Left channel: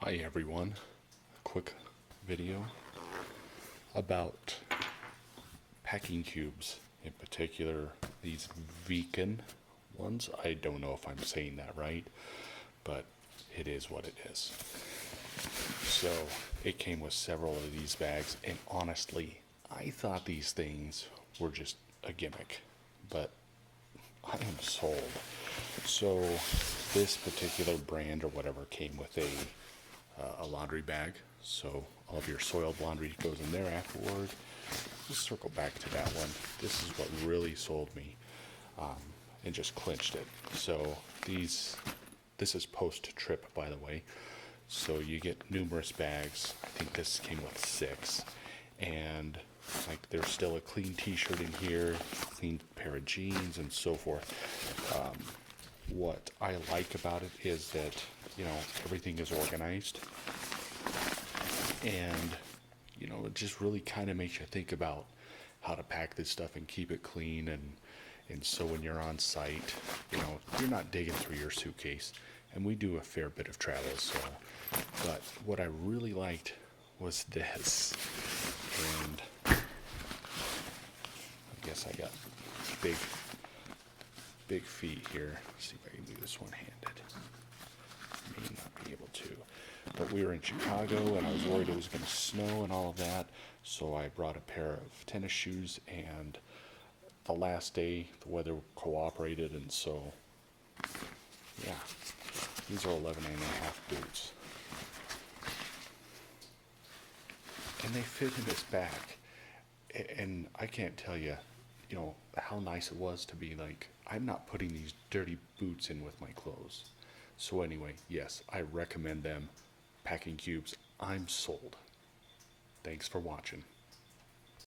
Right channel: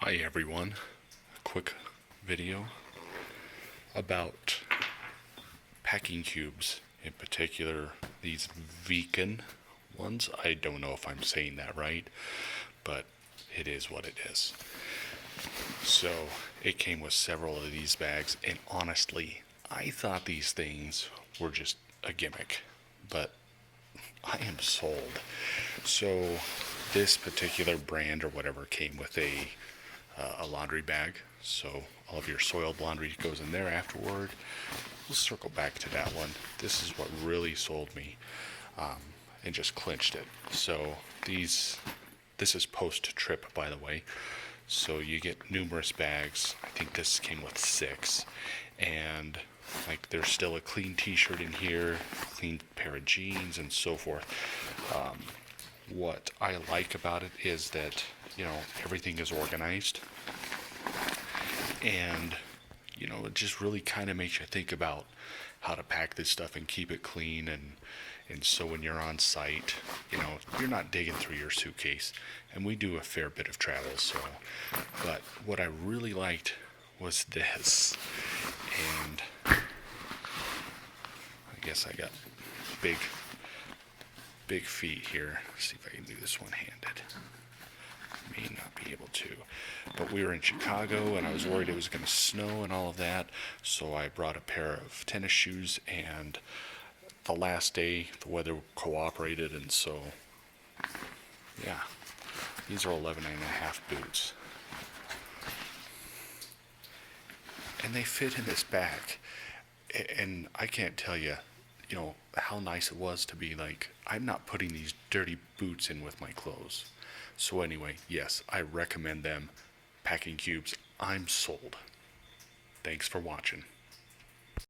Hi everyone, a quick video about packing cubes, in particular these Veken ones. I don't know if I'm saying that right, but it is what it is. So it came with several of these bags, and honestly, I thought these things were just a gimmick, but I am sold. So this particular brand or whatever came with a laundry bag, so all of your soiled laundry goes in there afterward. We'll circle back to that one. This is what really sold me, and just clinched it. So this is post-trip, by the way. So you get numerous bags. I think this came with 6, and like there's still a clean T-shirt in here, clean pair of jeans, and so forth. What I like about it is that everything is organized, and it just really kind of makes you think about how to pack this stuff and keep it clean, and so when you're on site, you're not digging through your suitcase. And we do a fair bit of travel, so but what I really liked was this. And I guess I got big feet here. Let's see if I can do this one-handed. May not be able to, but we were in Chicago and I was worried it was going to snow and all of that, so I brought a pair of tennis shoes, and the last day the weather cooperated, and so yeah, these are 11.5 boots, and they fit in this bag. And I can't tell you, how nice it was to be like, I'm not putting these dirty boots in with my clothes. So anyway, yes, I recommend them. Packing Cubes, I'm sold. Thanks for watching.